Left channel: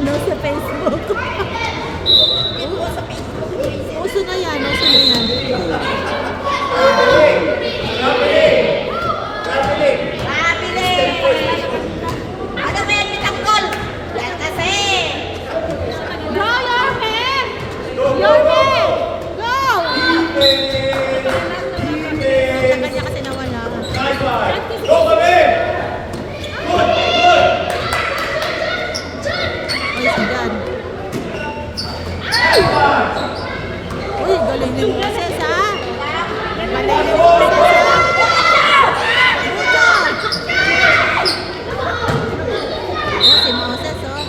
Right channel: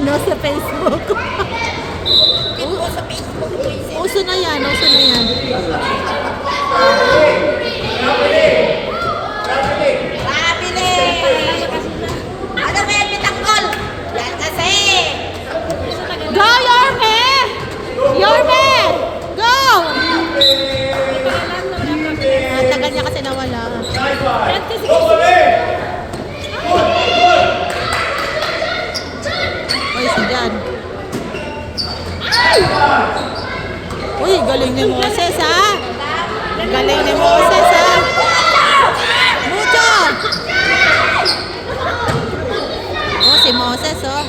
no, sa Facebook. Uso na yan, uso na yan. Go, Yorme! Yorme! Go! Ang tagal niya kasi nawala. Ay, sigan. Uy, galing ni Moses, ha? Galing ni Moses, ha? Mucho! Oh, si Moses, oh.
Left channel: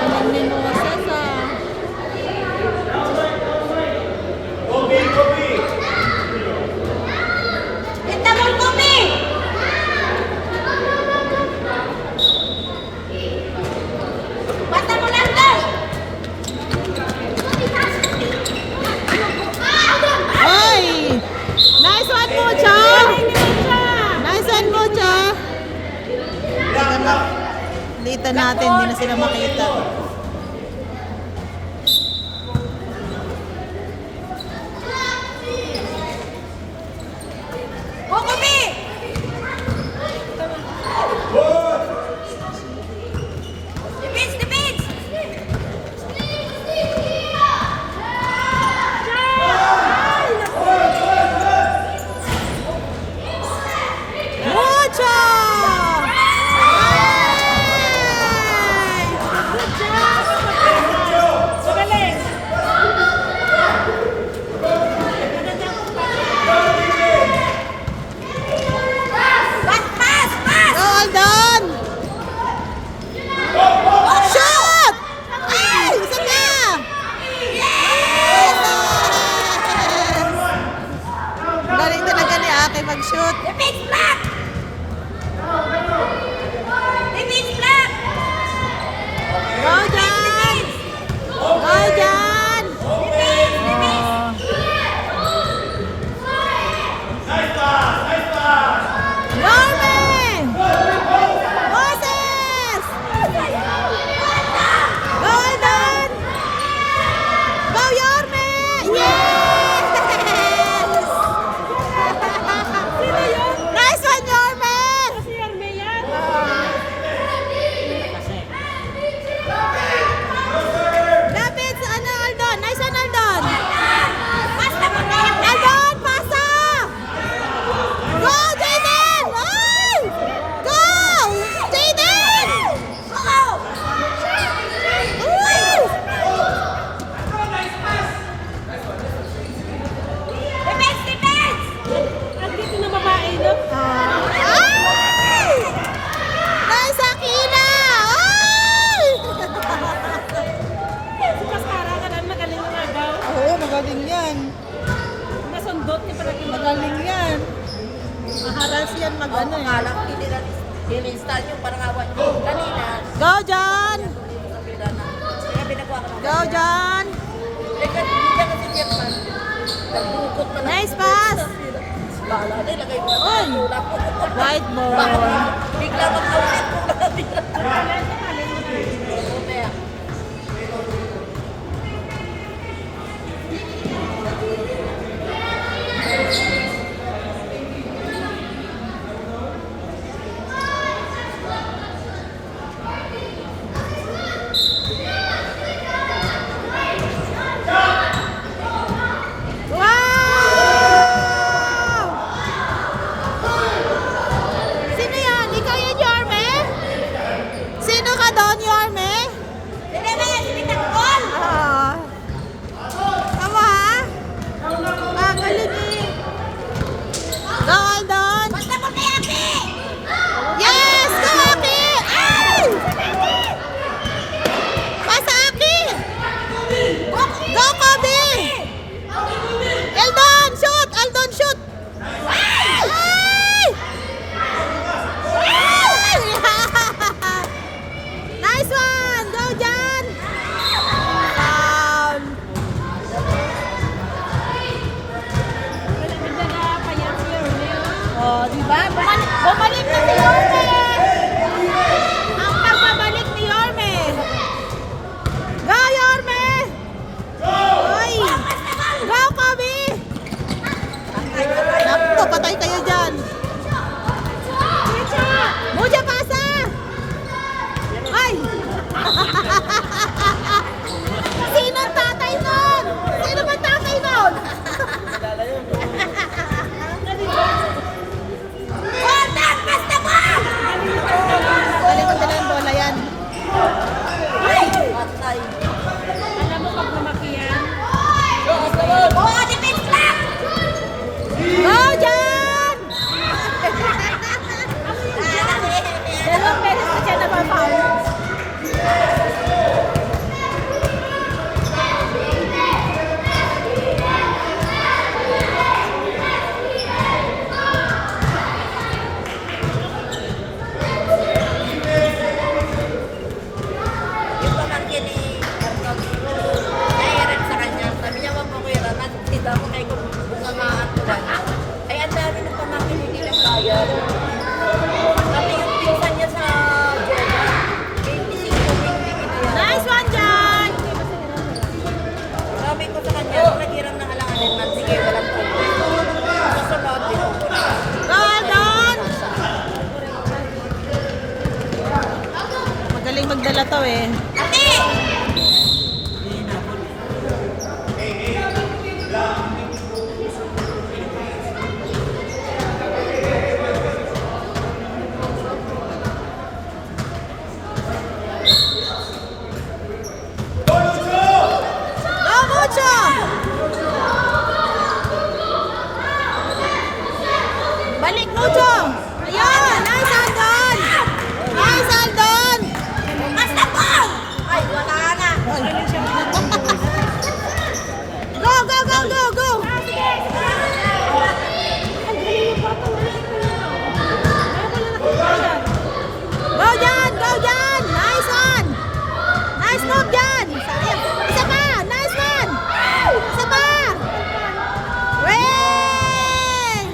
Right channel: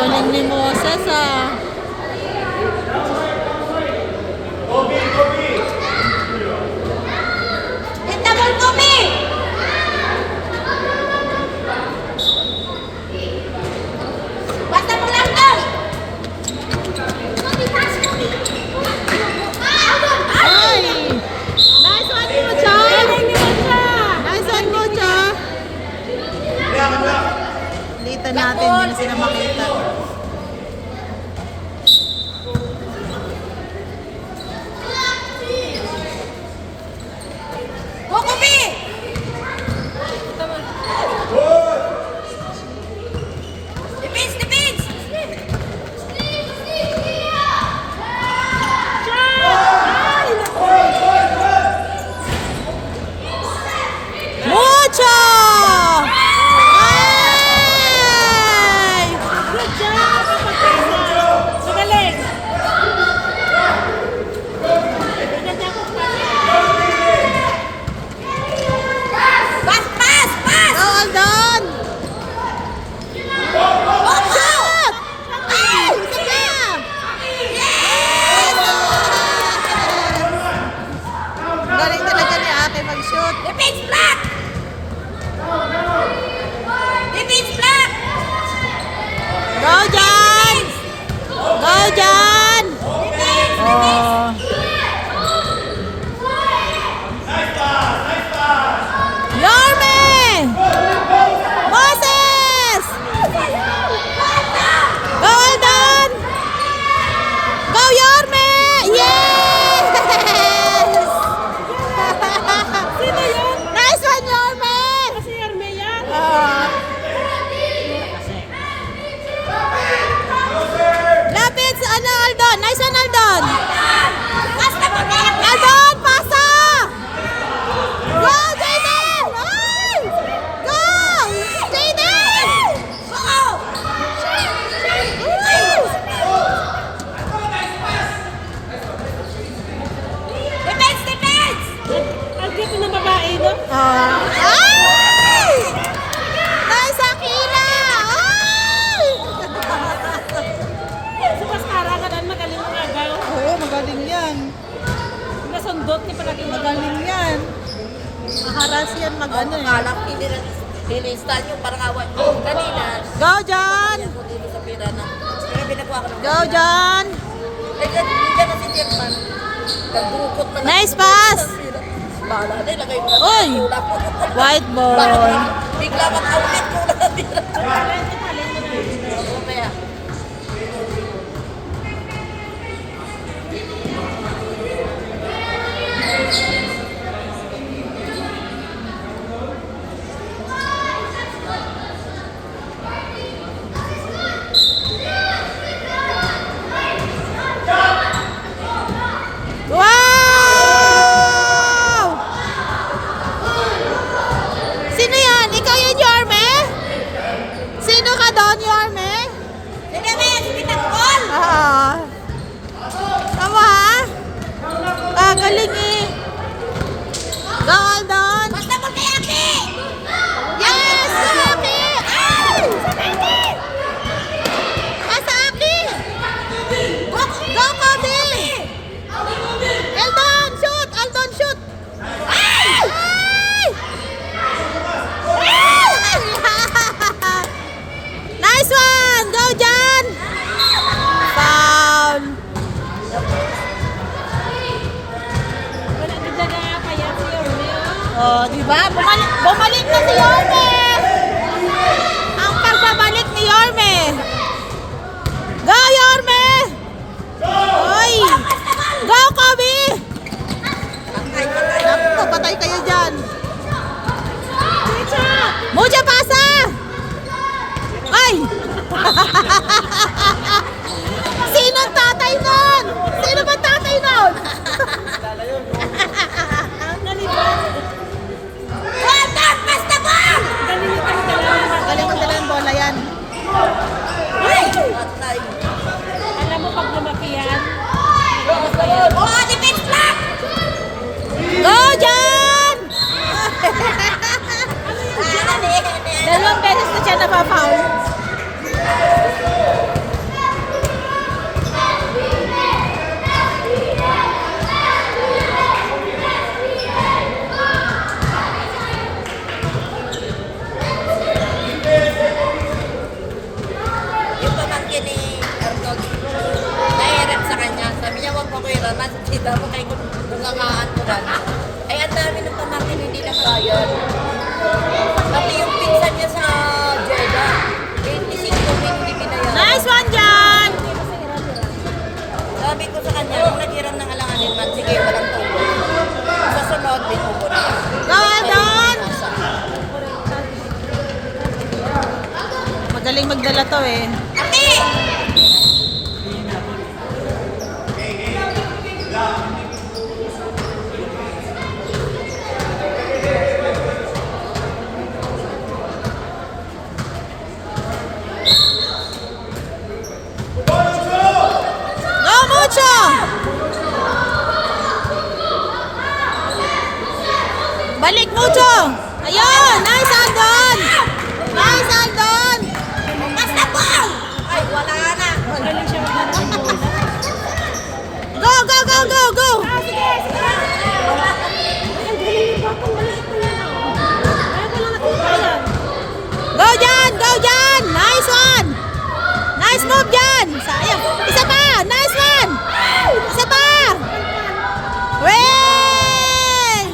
Galing ni Moses, ah. Dito natin, hindi na sila makita. Kukubi! Defense, defense! Mucho! Galing talaga ni Ate mag-shoot. Defense block! Defense block! Go, Jan! Go, Jan! Oh. Yorme! Moses! Go, Alden! Go, Yorme! Yes! Nice one, Yorme! Lapit sa ano, Aldon? Nice one, Aldon! Aldon, pasa! Go, Jaden! Ay! Go! Jaden! Woo! Defense, defense! Ay! Nice, Akila! Ay! Oo, magaling yan. Magaling yan. Maharas yan mag-ano eh. Alam, ini-install yun, parang awan ko. Kanina, Go, John! dito sa pira na. Kaya binakuha ko ng... Go, John! Lagyan, hindi na si Jerman. Nagdukot pa na. Nice pass! Bahala na, ilagay mo. Uy! Wala po. White ball. Bigla mag-outlet ko na natira. Mamaya. Wow! Sino yan? Ikaw yun, Yorme? Sino ka doon, Yorme? Hindi ba yan? Sinitagpon! Oo. Tama ha? Kagaling eh. Go, Aldon! Basta mo kay Aki! Yes! Go, Aki! Ay! Pasa, Aki! Go, Kobe! Aldon, shoot! Aldon, shoot! Ay! Ay! Nice one! Go, Jan! Foul! Oh, di ba? Bumalik na si Yorme! Patay kayo dyan. Mucha pasa! Ay! Sino ang tatay nun? Sino ba tatay nun? Basta mo! Galing mo dala ng bola yan. Patay. Alam mo pag lumaki yan, Oh, defense lang! Go, Jan! dalawang beses na siya napapaw. Yung pamangkin ni Direct sa kanya. Sabi niya, huwag mo ko yung raman. Dito ako kay bungangaan ko ba. Ay, ang dami ng pamangkin hindi na kaya. Pati yung pinsan niya sa Jeddah. 25 hindi binayaran. Nice one, Jan! Sabi ko sa kanya, kung naghiram ng alanganin man, sige, walang tuloy. Sa sunod, binubo na. Go, Don! Magaling magdala to eh. Ate! Go, Mucho! Balik, Mucho! Ayun! Nice, Aldon! Nice, Aldon! Basta po! Ay, wala na. Go, go, go, go, go! Go, Jan! Go, Jan! Nice one! Nice move, Jan! Sayang. Isa pa! Nice one! Isa pa! Wey!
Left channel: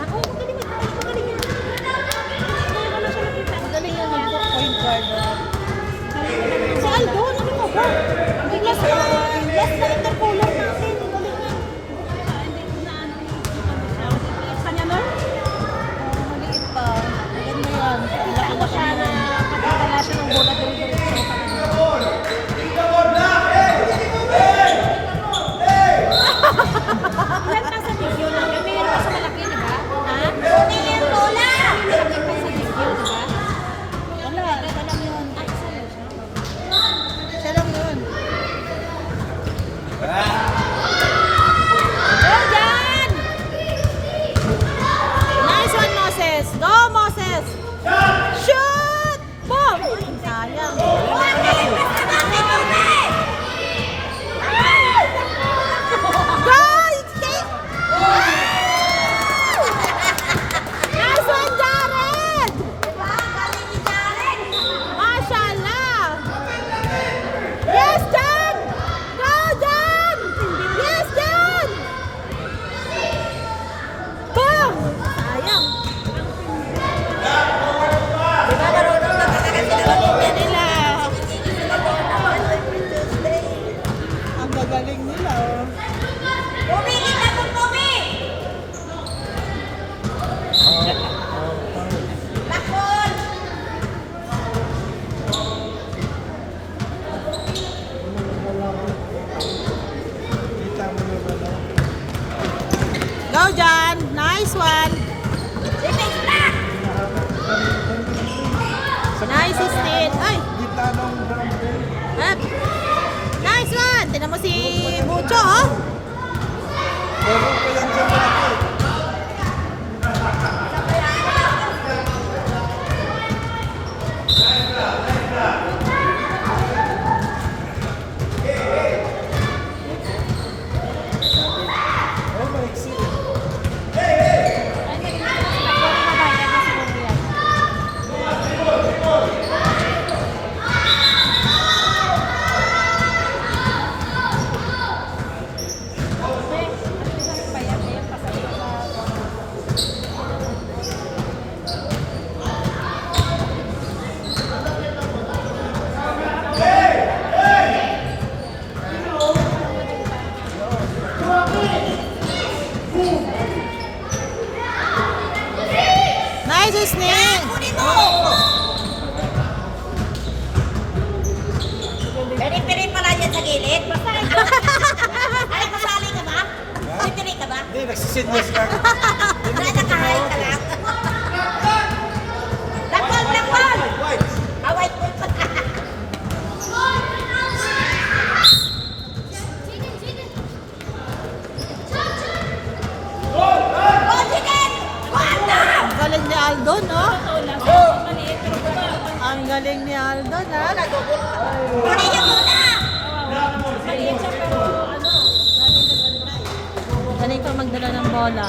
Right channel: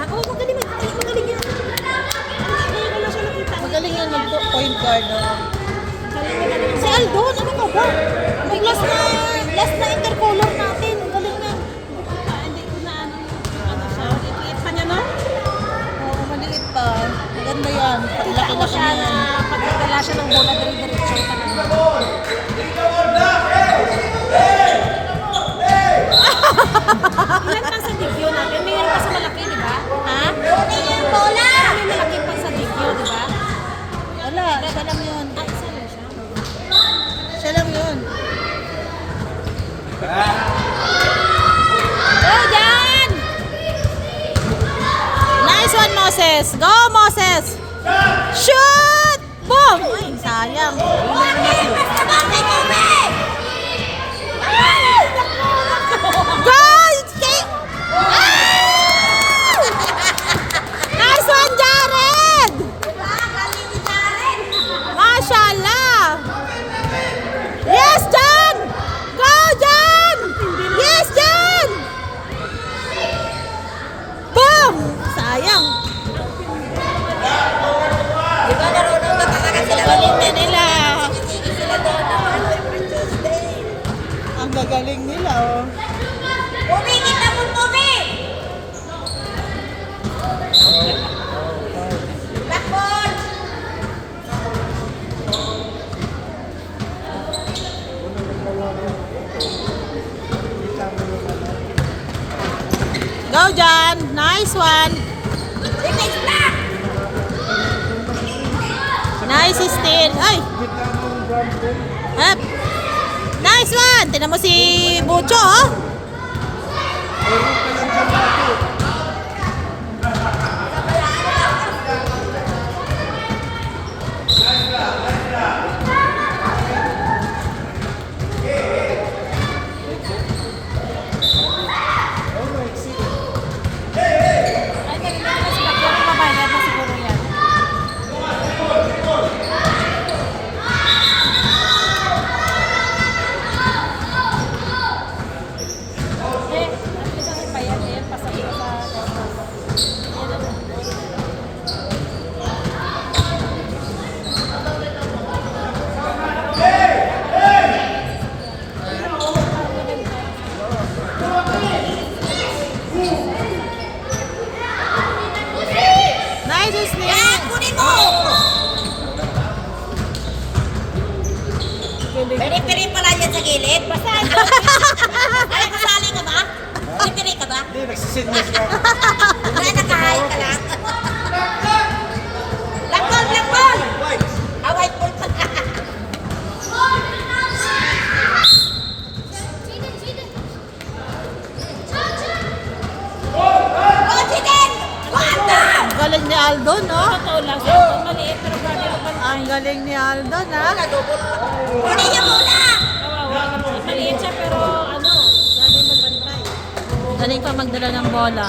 Ako, magaling yan. Magaling yan. Magaling yan mag-point guard. Si Aldo, ano mo ba? May last na intercolor natin. Ang galing na. Hindi ko na ano siya. Maliit pa niya, no? Oh, maliit pa. Maganda yan. Laki na siya na nakakala siya ng bola dire-diretso yung talaga. Ilan pa sa video na? May meron pa sa malaki, di ba? Ha? Kunin yung bola! May malaki pa sa video, di ba? Wala, siya lang yun. Siya lang yun. Go, Jan! Nice one, Moses. Go, Moses. Shoot! Boom! Ay, sayang. Go! Escape! Nice one, Jared! Mashallah! Yes, Jan! Go, Jan! Yes, Jan! Boom! Sayang. Galing nila. Ang gagaling nila, oh. Uminit na po, Tommy! Lakon! Go, Jan! Nice one! Defense lang! Nice steal! Ay! Up! Nice one! Tinan mo si Bucho, oh! Ay, sus niya. Kunin mo! Peri-peri pala yan sa gilid. Ay, kasali ka ba? Peri-peri ka ba? Hindi, nagsisinyas ka. Wala, nakahay ka lang. Lakbal, lakbal! White. Ah, white ball pa. Oh, Jiden! Wanda! Ang galing ni Aldo, no? Totoo lang. Sa maliit, pero kung ano pa. Ang galing ni Aldo, na. Kunin niyo muna! Kawawa naman. Maliit siya, pero ano, lagi nagbantay. Galing pa magdala ng bola.